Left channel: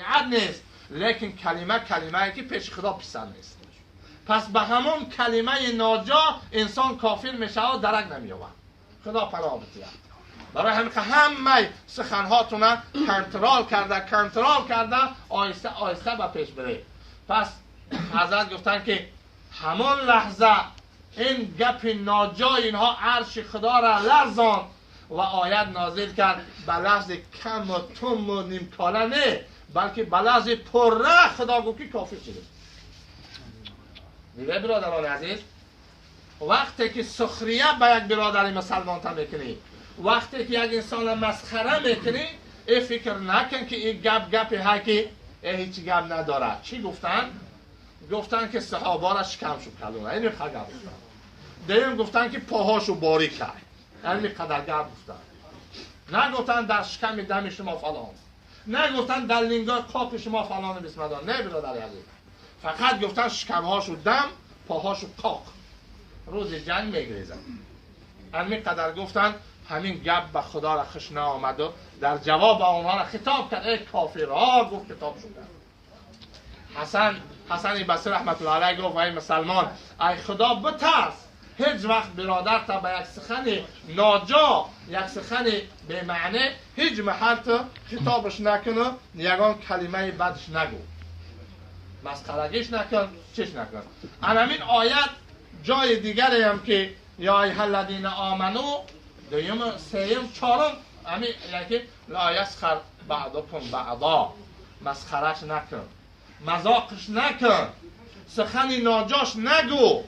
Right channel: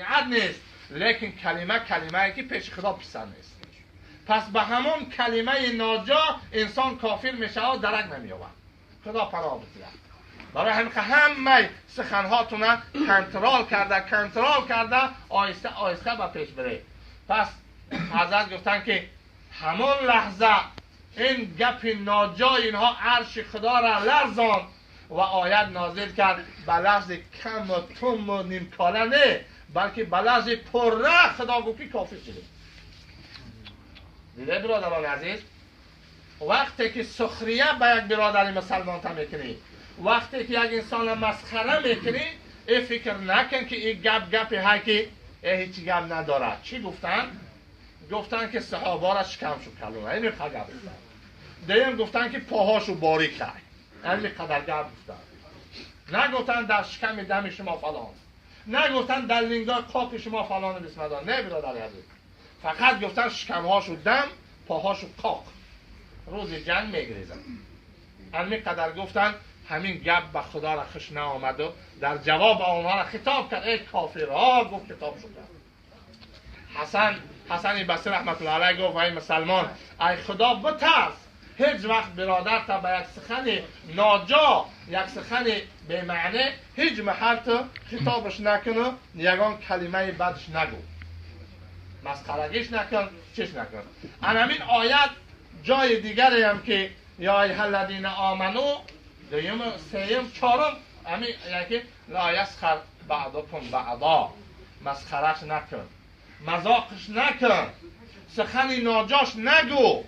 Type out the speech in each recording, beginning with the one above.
قطعیت نیست، لیکن کلمه که پیش خدا پسر نیست. پس به همون کلمه ناجا انسان کافر میشه و درک نمیآورد. خدا پناه بده. برای همه سخنهاتون کنترل کرده آهسته آهسته به پیش بره. پس حضرت گفتن که همون لحظه این گپ ناجای اینها عرش خدا را لرزاند و آیت نازل کرد به لحظ کم و تم و نیمکاله نه، بلکه به لحظ پره خدا گفت که کافر شده. دیده برادران عزیز، وقتی که سخریه به یک برادر مسلمان تا میکنی، وقتی که یک انسان مسخره میکنی، این فکر نکن که این گپی های که هیچ گپ نداره. چی گفتن؟ گفتن که صحابه را شکم شد کلونه، این قدر گفتن. دیم گفتن که پاهاشو باریک کرد، این قدر گپ گفتن. نگفتن در شکم دم شما فلان، نگفتن در لنگای قاپ شما فلان بسم الله. نه برادر عزیز، فقط گفتن شکمهاشو دم، پاهاشو قاق. روز جنگ میگریزن. این قدر گفتن. همین گپ به خدا را خوش نآمد و در جواب آنها را خطاب کرد. ای کافرها، گفت خطاب شد. حسن بصری رحمت الله علیه گفت ای مسلمان، ای خدا بترس، هیچ وقت برادر تا به یک سخن ناجا، یک سخن به معنی، هیچ محل تو خطابش نکنه، یگان کلمه بدش نگو، مسخرگیش نکن، چیش نکن. همین آیت جای دیگری هم که یا ایها الذین آمنو، دویم، سوم، چهارم، همین یکی لا یسخر بعضکم بعضا، مسخرش نکن، مذاقش نکن، سخن ناجاش نگو،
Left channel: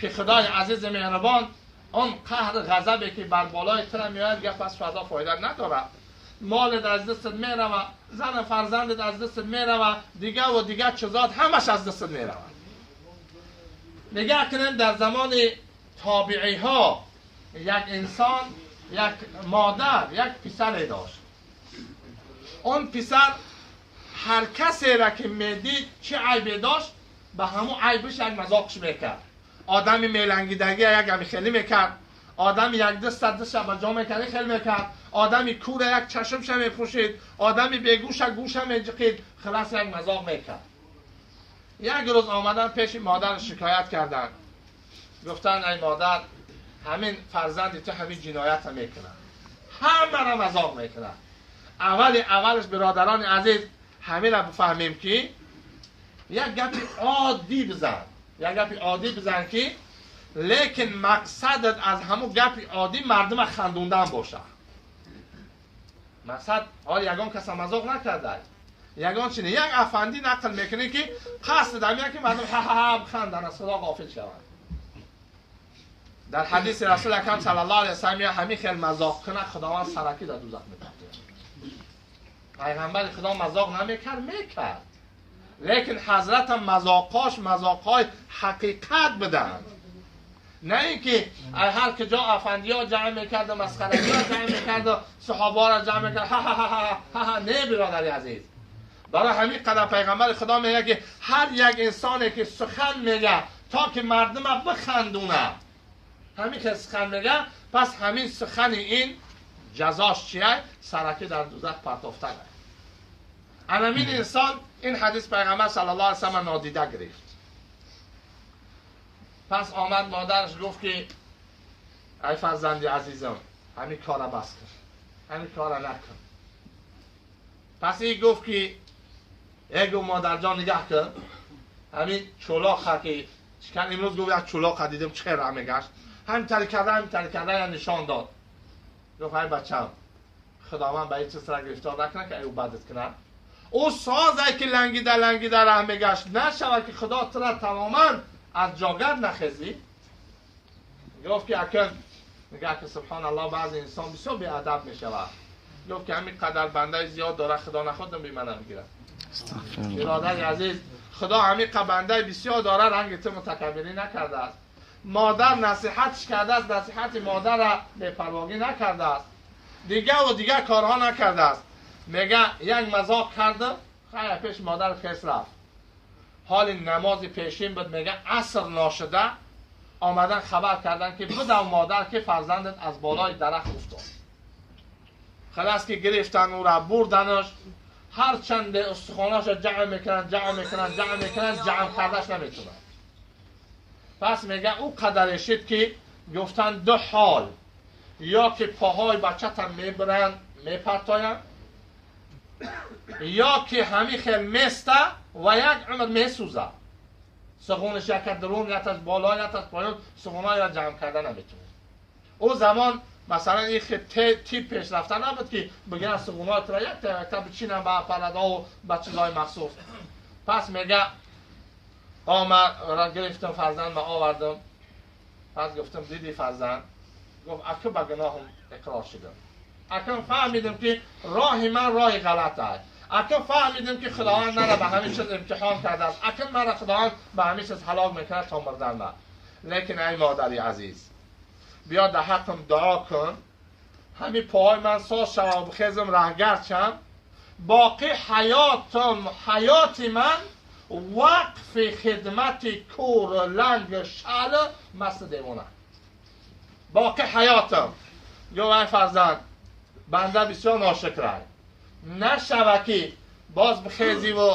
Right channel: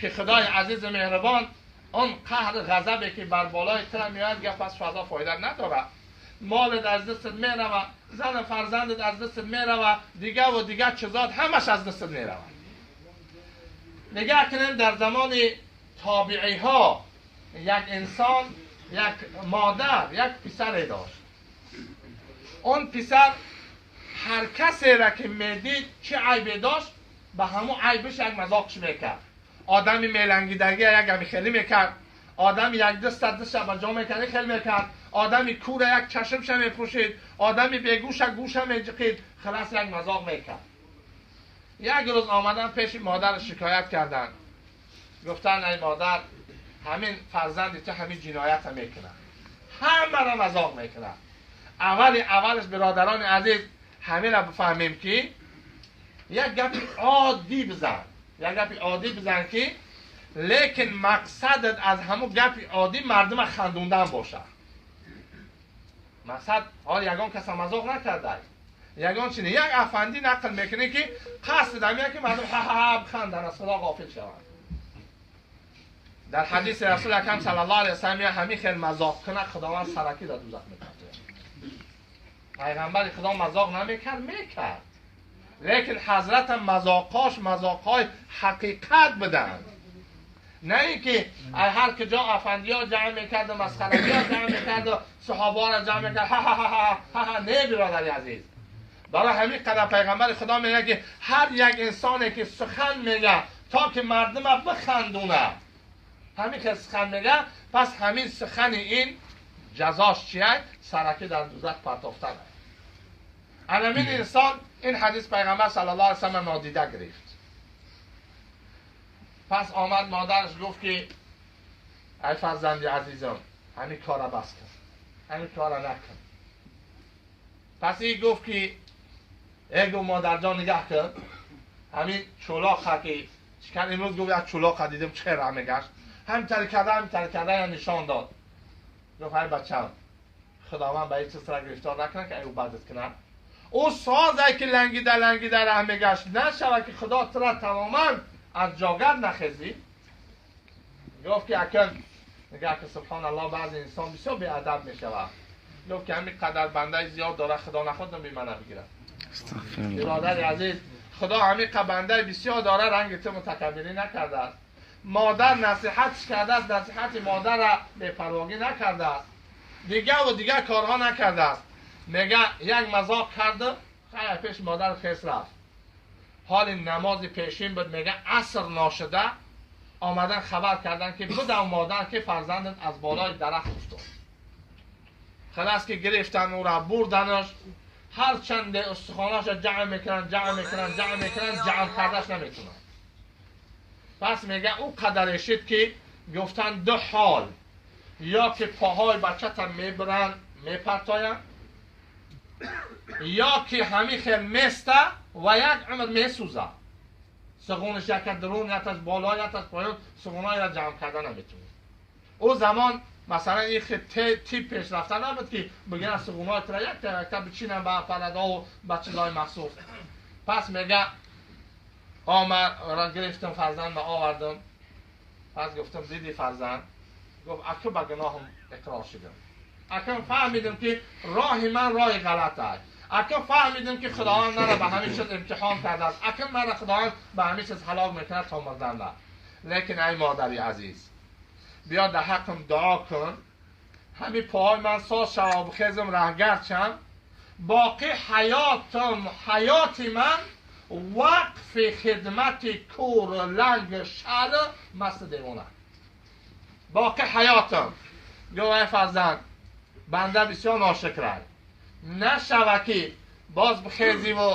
که خدای عزیز مهربان اون قهر غضبی که بر بالای تر میاد گفت پس فردا فایده نداره. مالت از دستت میروه، زن فرزندت از دستت میروه، دیگه و دیگه چیزات همش از دستت میروه. نگاه کنیم در زمان تابعی ها یک انسان، یک مادر، یک پسر داشت. اون پسر هر کسی را که میدید چه عیبی داشت به همون عیبش یک مذاقش میکرد. آدمی میلنگیدگی یک همی خیلی میکرد، آدمی یک دست به جا میکرد خیلی میکرد، آدمی کور یک چشمش میپوشید، آدمی بیگوش گوش میجقید، خلاص یک مذاق میکرد. یک روز آمدن پیش مادر شکایت کردن، گفتن ای مادر، همین فرزند تو همین جنایت هم میکنه، همه را مذاق میکنه. اولش برادران عزیز همین را بفهمیم که یک گپی عادی بزن، که لیکن مقصدت از همون گپی عادی مردم خندوندن باشه. مقصد حال یگان کس مذاق نکرده، یگان چینه یک افندی نقل میکنه که قصد دمیه که مردم ها ها بخندن، از خدا غافل شوند. در حدیث رسول اکرم صلی الله علیه و سلم همین خیلی مذاق کنه خداوند سرکی در دوزخ میکنه. پیغمبر خدا مذاق میکرد، لیکن حضرت هم مذاقهای حقیقت بدن، نه اینکه هر کجا افندی ها جمع میکرد و مسخرگی ها جمع میکرد و صحابه را جمع میکرد ها. نه برادر عزیز، برای همین قدر پیغمبر خدا میگه که هر یک انسانی که سخن میگه تا که مردم بخندونه، همین که سخن میگه، پس همین سخن این جزاش چیه؟ سرکی در دوزخ پرتافتنه. همین انسان این حدیث پیغمبر صلی الله علیه و سلم نادیده گرفت. پس آمد مادرش گفت که ای فرزند عزیزم، همین کارا بس کن، همین کارا نکن. پس این گفت که ایگو مادر جان نگه کن، همین چولاخ که چکن امروز گفت یک چولاخ دیدم چه را میگشت، همین تری کرده یا نشان داد. گفت ای بچم، خداوند به این چیز را گرفتار نکنه که ایو بدت کنه. او سازه که لنگیده راه میگشت نشود که خدا ترا تماما از جاگر نخیزی. گفت که اکن نگه که سبحان الله بعض انسان بسیار بی ادب میشود. گفت که همین قدر بنده زیاد داره، خدا نخواد بی من بگیرد. برادر عزیز، خدا همین قدر بنده بسیار داره، رنگ تو متکبری نکرده است. مادر نصیحتش کرده است، نصیحت مادر را بی‌پرواگی نکرده است، دیگه کارها نکرده است. میگه یک مذاق کرده، خیلی پیش مادر خیس رفت، حال نماز پیشین بود، میگه عصر ناشده آمدن خبر کردن که بدو مادر که فرزندت از بالای درخت افتاد. خلاص که گرفتن او را بردنش، هر چند استخواناش جمع میکنن جمع کردش نمیتونن. پس میگه او قدرشید که گفتن دو حال، یا که پاهای بچه میبرن میپرتاین، یا که همین خیل میسته و یک عمر میسوزه. سخونش یک درون یک از بالا یک از پایین سخونهای را جمع کردن نمیتونه. او زمان مثلا این خیلی تیپ پیش رفتن نبود که بگیرن سخونهای را یک تا بچینن با پرده و با چیزهای مخصوص. پس میگه آمد را گرفتم فرزند و آوردم. پس گفتم دیدی فرزند؟ گفت اکنون با گناهم اقرار شدم. اکنون فهمیدم که راه من راه غلط است. اکنون فهمیدم که خداوند مرا به همین چیز امتحان کرده است. اکنون مرا خداوند به همین چیز هلاک میکنه تا مردن را. لیکن ای مادری عزیز، بیا در حقم دعا کن، همین پاهای من ساز شوم خیزم رهگرد شم، باقی حیات من وقف خدمت کور لنگ شل مست دیوانه. باقی حیاتم. گو ای فرزند، بنده بسیار ناشکرم، نشوه که باز بخیزی و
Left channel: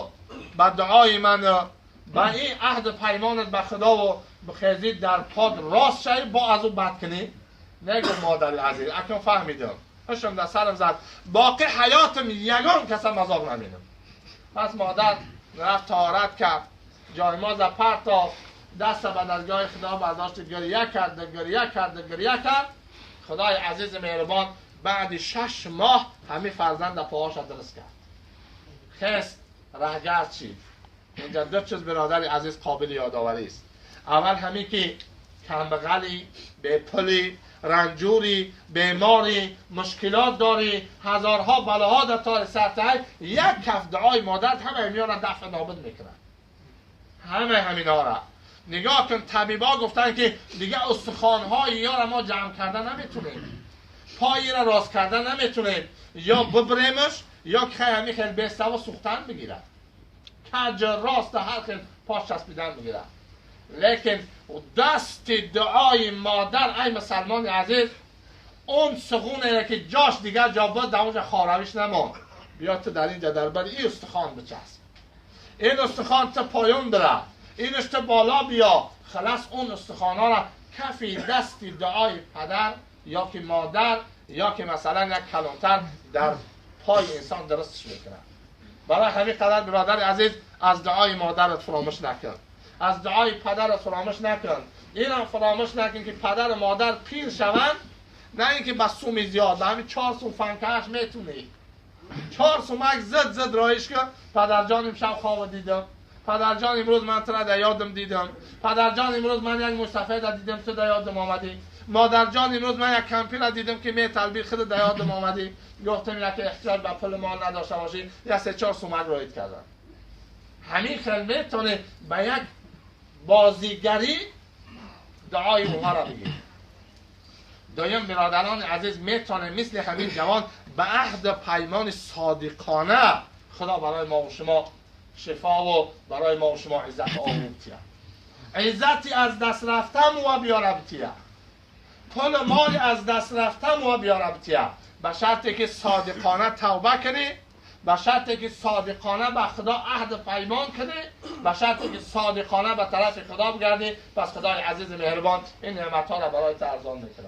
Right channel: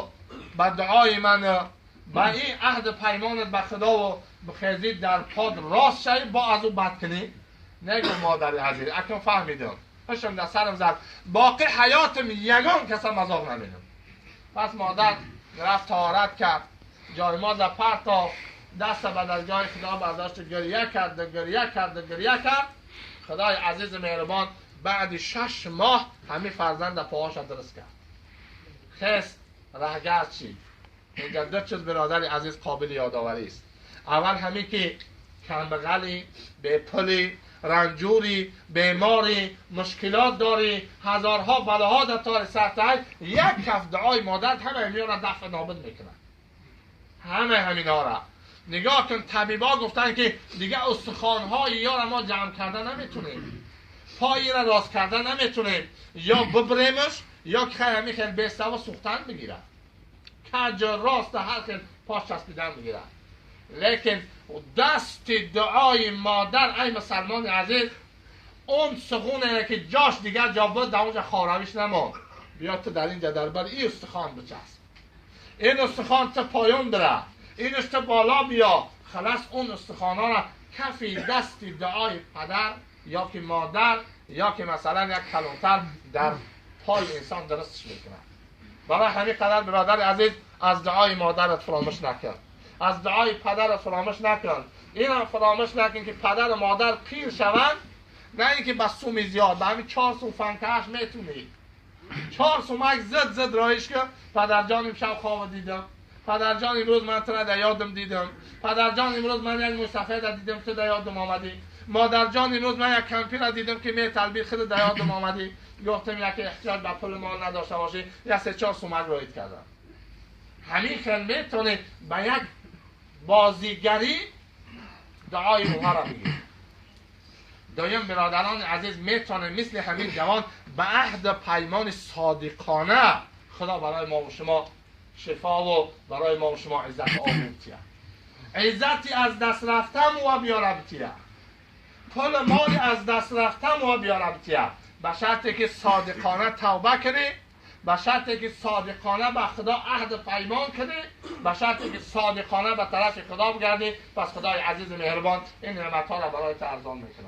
به دعای من با این عهد پیمانت به خدا و بخیزی در پاد راست شوی با از او بد کنی. نگو مادر عزیز، اکنون فهمیدم، پشتم در سرم زد، باقی حیاتم یگان کسا مذاق نمیدم. پس مادر رفت طهارت کرد، جایماز پرتافت، دست به درگاه خدا برداشت، گریه کرد. خدای عزیز مهربان بعد 6 ماه همین فرزند پاهاش درست کرد، خست رهگرد شد. اینجا دو چیز برادر عزیز قابل یادآوری است. اول همین که کمبغلی، به پلی، رنجوری، بیماری، مشکلات داری، هزارها بلاها در تار سرتای، یک کف دعای مادر همه میان دفع نابود میکنن. همینا را نگاه کن. طبیبا گفتن که دیگه استخوان‌های یا ما جمع کردن نمیتونیم، پایی را راست کردن نمیتونیم، یا ببریمش یا که همین خیلی بسته و سوختن بگیرن، کج راست هر خیلی پاش چسبیدن بگیرن. لیکن دست دعای مادر ای مسلمان عزیز، اون سخونه که جاش دیگر جا بود در اونجا خارویش نمان. بیا تو در اینجا دربر این استخوان بچسب، این استخوان تا پایون بره، اینش تا بالا بیا، خلاص اون استخوانها را کفی دست دعای پدر یا که مادر یا که مثلا یک کلانتر در پای انسان درستش میکنه. برای همین قدر برادر عزیز از دعای مادرت فراموش نکن، از دعای پدرت فراموش نکن. این هم فراموش نکن که پدر و مادر پیر شوند، نه اینکه بس سومی زیاد، به همین 4 سوم فنکهش میتونی 4 سومک زد رایش که پدر جان امشب خواب دیدم، پدر جان امروز من تو را در یادم دیدم، پدر جان امروز من یک مصطفی را دیدم تو در یادم آمدی، مادر جان امروز من یک کمپی را دیدم که می تلبی خود در یادم آمدی. گفتم اینه که احتیاج به پول مال نداشته باشی، یا 3-4 سومک رایت کردن. همین خیلی میتونه به یک بازیگری دعای اوها را بگیر. دویم برادران عزیز، میتونه مثل همین جوان به عهد پیمان صادقانه خدا برای ما و شما شفا و برای ما و شما عزت آموزتیه، عزتی از دست رفتم و بیاربتیه، پول مال از دست رفتم و بیاربتیه، به شرطی که صادقانه توبه کنی، به شرطی که صادقانه به خدا عهد پیمان کنی، به شرطی که صادقانه به طرف خدا بگردی. پس خدای عزیز مهربان این نعمت‌ها را برای تو ارزان میکنه.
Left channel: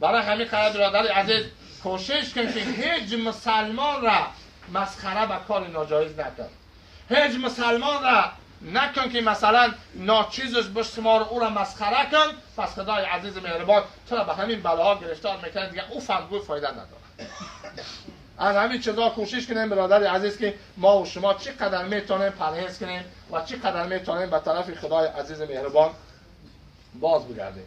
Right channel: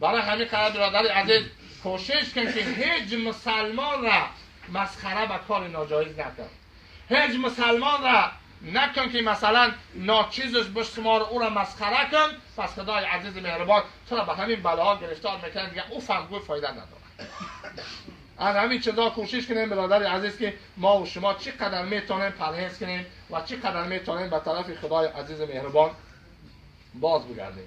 برای همین خیلی برادر عزیز کوشش کن که هیچ مسلمان را مسخره به کار ناجایز نکن، هیچ مسلمان را نکن که مثلا ناچیزش بشمار او را مسخره کن. پس خدای عزیز مهربان تو را به همین بلاها گرفتار میکنه، دیگه او فهمگوی فایده نداره. از همین چیزا کوشش کنیم برادر عزیز که ما و شما چقدر میتونیم پرهیز کنیم و چقدر میتونیم به طرف خدای عزیز مهربان باز بگردیم.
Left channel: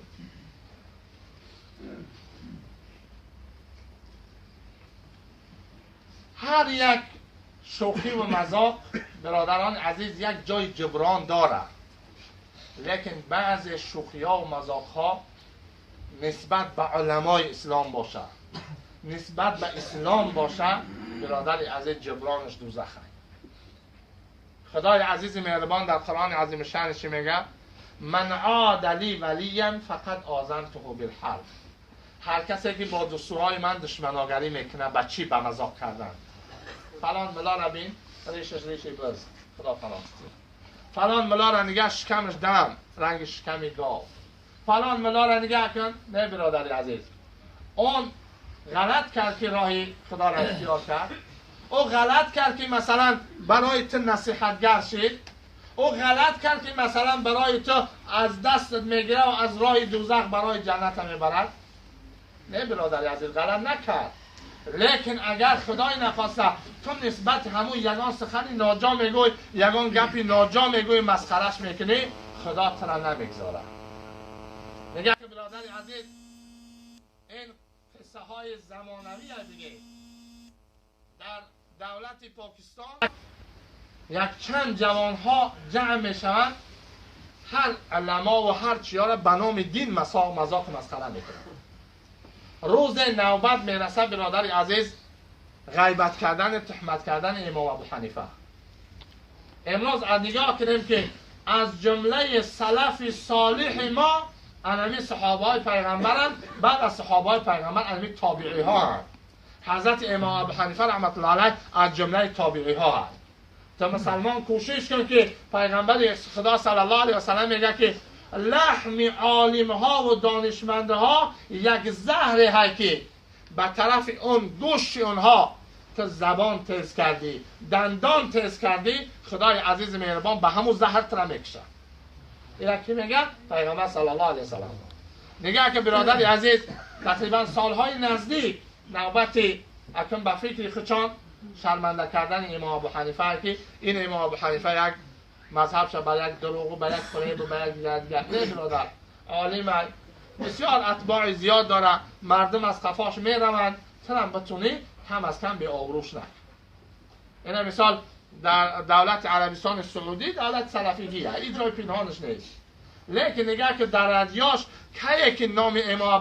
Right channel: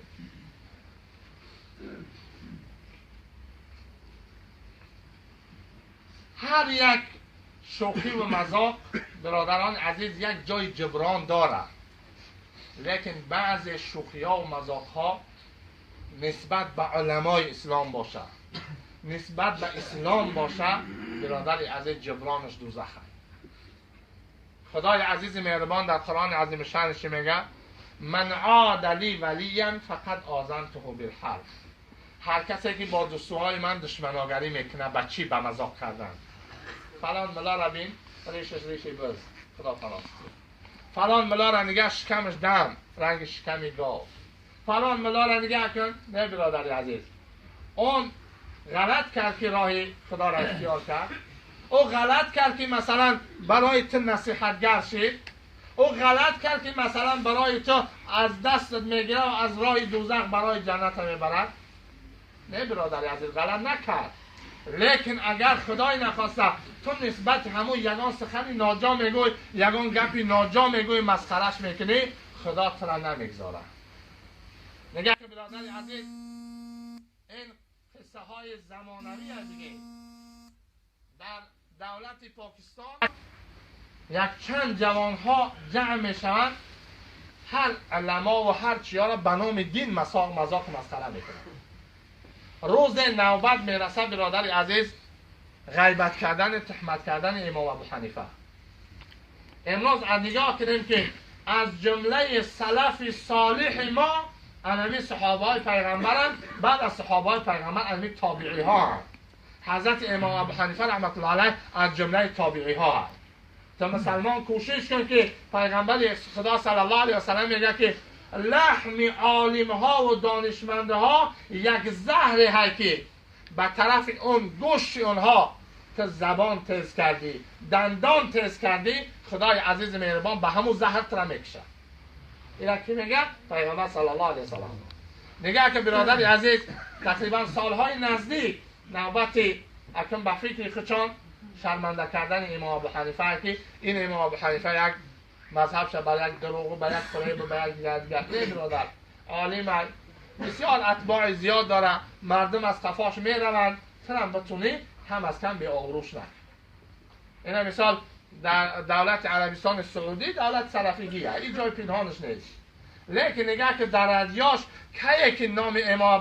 هر یک شوخی و مذاق برادران عزیز یک جای جبران داره، لیکن بعضی شوخی ها و مذاق ها نسبت به علمای اسلام باشه، نسبت به اسلام باشه، برادر عزیز جبرانش دوزخه. خدای عزیز مهربان در قرآن عظیم شانش میگه من عاد لی ولیا فقد آذنته بالحرب. هر کسی که با دستورهای من دشمناگری میکنه به چی؟ به مذاق کردن. فلان ملا را بین ریشش ریشه برز خدا فلاستی. فلان ملا را نگه شکمش دم رنگ شکمی گاو. فلان ملا را نگه کن. نه برادر عزیز، اون غلط کرد که راه خدا را اختیار کرد. او غلط کرد که مثلا برای تو نصیحتگر شد. او غلط کرد که مثلا برای تو از دستت میگیره و از راه دوزخ برای جنت میبرد. نه برادر عزیز، غلط نکرد. لیکن اگر خدای نخواسته تو نسبت همون یگان سخنی ناجا میگوی، یگان گپی ناجا میگوی، مسخرش میکنی، خدا تو را نمیگذاره. نگه که برادر عزیز، این قصه های زمانوی دیگه در دولت پاکستان یک چند جوان ها جمع میشوند، هر علما و هر چیا را به نام دین مذاق مسخره میکنند. روز نوبت میرسه برادر عزیز، غیبت کردن، تهمت کردن امام ابو حنیفه. امروز نگاه کنیم که از جمله سلف صالح ما انمی صحابه های پیغمبرن، بعد از صحابه های پیغمبر انمی تابعی ها هم. حضرت امام ابو حنیفه رحمت الله علیه از جمله تابعی ها هم. تا مسلمان کوشش کن که پیغمبر خدا صلی الله علیه و سلم میگه که لحم عالم ها و دانشمنده ها یک زهر هست که به طرف اون گوشت اونها تو زبان تیز کردی، دندان تیز کردی، خدای عزیز مهربان به همون زهر تر میکشه. اینا کی میگه؟ پیغمبر صلی الله علیه و سلم. نگاه که برادر عزیز، تقریبا سالهای نزدیک نوبت اکنون به فکر خچان شرمنده کردن امام ابو حنیفه که این امام ابو حنیفه یک مذهب شد بر یک دروغ و بر یک فریب و بر یک دیگر. نه برادر، عالم بسیار اتباع زیاد داره، مردم از قفاش میروند، ترم بتونی هم از کم به آبروش نه. این مثال در دولت عربستان سعودی دولت سلفیگی هست، این جای پنهانش نیست. لیکن نگاه که در ادیاش که نام امام